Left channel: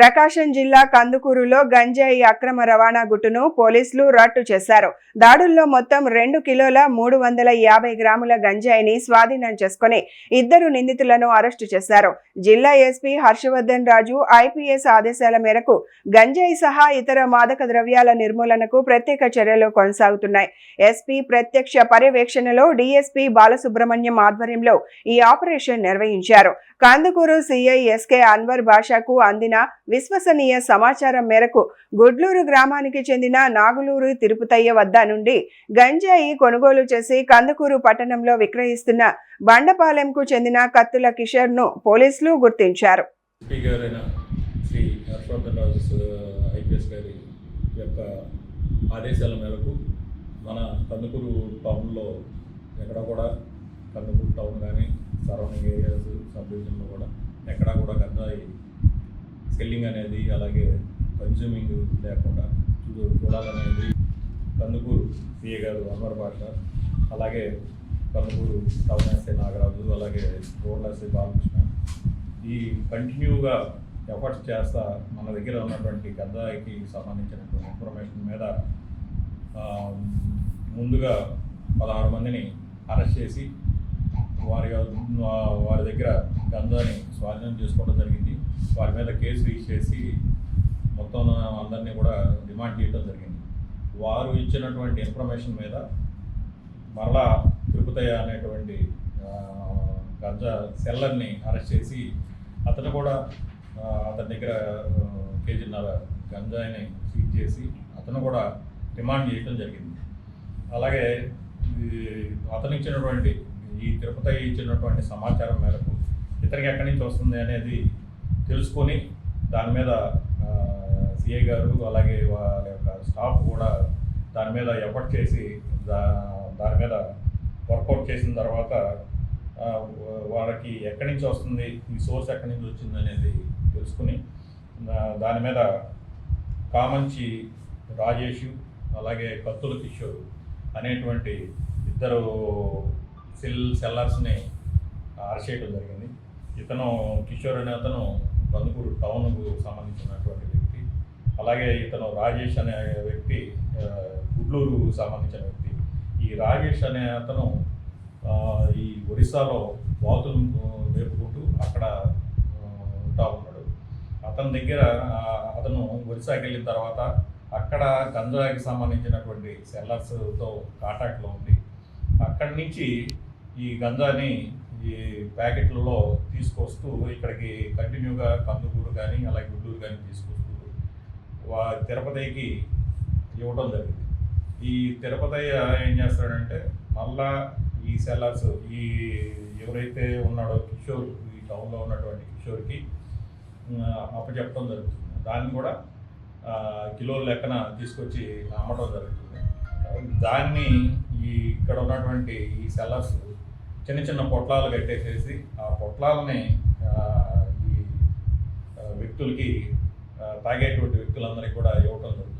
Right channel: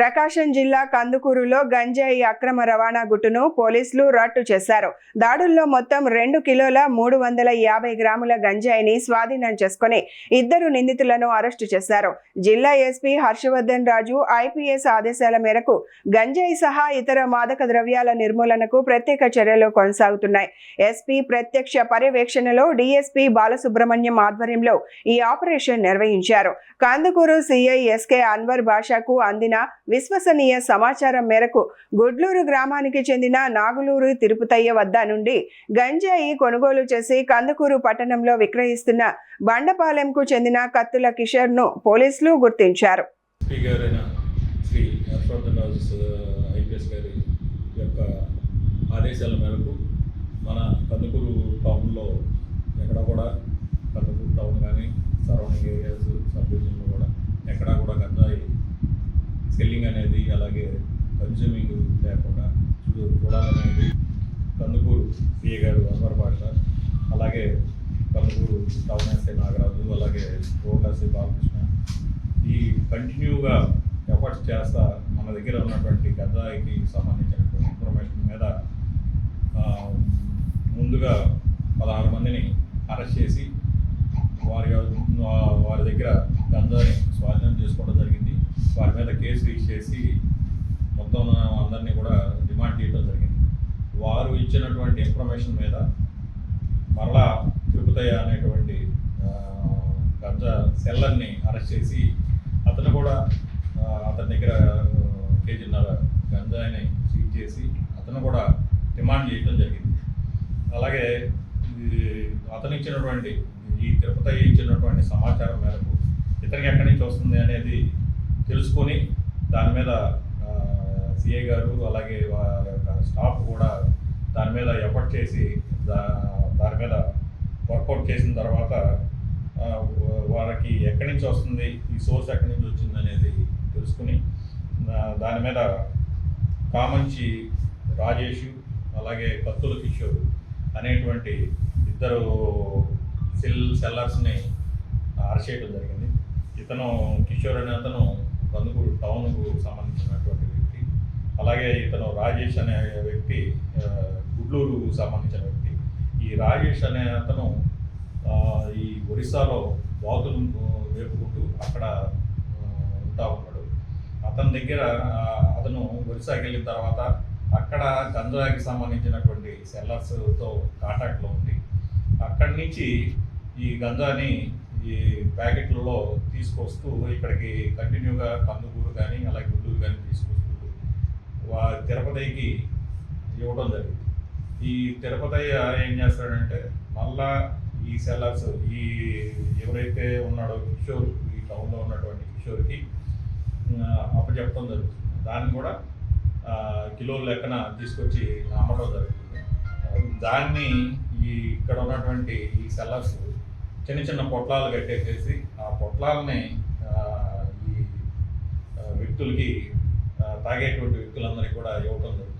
ప్రకాశం జిల్లా కందుకూరులో గంజాయి అక్రమ రవాణా గుట్టును పోలీసులు రట్టు చేశారు. దాడుల్లో మొత్తం 2 కిలోల 350 గ్రాముల గంజాయిని స్వాధీనం చేసుకుని 2 నిందితులను అరెస్టు చేశారు. జిల్లా ఎస్పీ హర్షవర్ధన్ రాజు ఐపీఎస్ ఆదేశాల మేరకు గంజాయి సహా ఇతర మాదక ద్రవ్యాల నిర్మూలనకు ప్రత్యేక చర్యలు కొనసాగుతున్నాయి. ఎస్పీ ప్రత్యక్ష పర్యవేక్షణలో డీఎస్పీ బాలసుబ్రహ్మణ్యం ఆధ్వర్యంలో ఈ ఆపరేషన్ నిర్వహించారు. కందుకూరు సీఐ ఎస్కే అన్వర్ బాషాకు అందిన విశ్వసనీయ సమాచారం మేరకు గుడ్లూరు గ్రామానికి చెందిన నాగులూరు తిరుపతయ్య వద్ద నుండి గంజాయి కొనుగోలు చేసి కందుకూరు పట్టణంలో విక్రయిస్తున్న బండపాలెంకు చెందిన కత్తుల కిషోర్ ను పోలీసులు గుర్తించారు. ఆదేశాల మేరకు మన కందుకూరు టౌన్లో ఎక్కడ కూడా కందుకూరు టౌన్ కానీ సరౌండింగ్ ఏరియాస్ సబ్ డివిజన్లో కూడా ఎక్కడా కూడా గంజాయి సెల్లింగ్ అనేది అలాగే కన్జ్యూమింగ్ లేకుండా చూడాలనేది కందుకూరు పిఏ గారు అన్వర్ బాషా, అలాగే కందుకూరు టౌన్ ఎస్ఐ నాగరాజు, అలాగే రోడ్ల ఎస్ఐ బాలకృష్ణ ఈ కంటిన్యూగా ఎఫర్ట్స్ చేస్తా మన దగ్గర ఉన్నటువంటి గంజాయికి సంబంధించినటువంటి ఇన్ఫర్మేషన్ మీద ముందుగా 16 మందిని అరెస్ట్ చేసి వారి దగ్గర గంజాని స్వాధీనం చేసుకోవడం జరిగింది. వారి మీద కేసు రిజిస్టర్ చేసి మొత్తం అందరినీ కూడా డిమాండ్ చేయడం జరిగింది. వారు ఇచ్చినటువంటి ఇన్ఫర్మేషన్ మీద మరలా తిరుపతయ్య అనేటువంటి గంజా సెల్లర్ని అరెస్ట్ చేసి అతను కూడా అతని దగ్గర 1.5 కేజీన్నర గంజాయిని సీజ్ చేసి అతను కూడా డిమాండ్ చేయడం జరిగింది. అలాగే అతను ఇచ్చినటువంటి ఈ తిరుపతయ్య ఇచ్చినటువంటి సమాచారం మేరకు ఇతనికి ఎక్కడి నుంచి వస్తుంది అనేది తెలుసుకొని దాని మీద సిఐ గారు అలాగే వాళ్ళ యొక్క స్టాఫ్ కూడా దాని మీద ఎఫర్ట్ చేసి దాని మీద వర్కౌట్ చేసిన తర్వాత వాళ్ళకి ఎక్కడి నుంచి వస్తుంది, ఈ సోర్స్ ఎక్కడి నుంచి వచ్చింది అనేది తెలుసుకుని దాని మీద కామంచి రాజేష్ అలాగే కత్తుల కిషోర్ అనేటువంటి 2 సెల్లర్స్ని అరెస్ట్ చేయడం జరిగింది. ఇతను కిషోర్ అనే అతను కందుకూరు టౌన్కు సంబంధించినటువంటి వ్యక్తి, అలాగే ఇతను రాజేష్ అనే వ్యక్తి గుడ్లూరు సంబంధించిన వ్యక్తి. ఈ రాజేష్ అనే అతను ఈ ఒరిస్సాలో బాతులు వేపుకుంటూ అక్కడ ఉంటా ఉన్నాడు. అతని దగ్గర అతను ఒరిస్సాకి వెళ్ళిన తర్వాత అక్కడ గంజాయికి సంబంధించినటువంటి సెల్లర్స్తో కాంటాక్ట్లో ఉంది. అక్కడి నుంచి ఈ గంజాని ఈ ప్యాకెట్లలో తీసుకొస్తూ ఇక్కడికి కంటిన్యూగా కందుకూరు కానీ అలాగే గుడ్లూరు కానీ తీసుకొస్తూ తిరుపతికి ఇవ్వడం జరిగింది. ఈ తిరుపతయ్య ఏం చేస్తాడంటే మళ్ళా ఈ సెల్లర్స్ ఈ ఎవరైతే ఉన్నాడో కిషోర్, ఈ టౌన్లో ఉన్నటువంటి కిషోర్కి అప్పచెప్పడం జరుగుతుంది. దాన్ని కూడా కిలోల లెక్కన తీసుకొచ్చి అమ్మడం జరుగుతుంది. దాన్ని ఇక్కడ ఉన్నటువంటి ఈ సెల్లర్స్ చిన్న చిన్న పొట్లాలు కట్టేసేసి ఆ పొట్లాలని ఈ వ్యక్తులకి తాగేటువంటి వ్యక్తులందరికీ కూడా ఇవ్వటం జరుగుతుంది.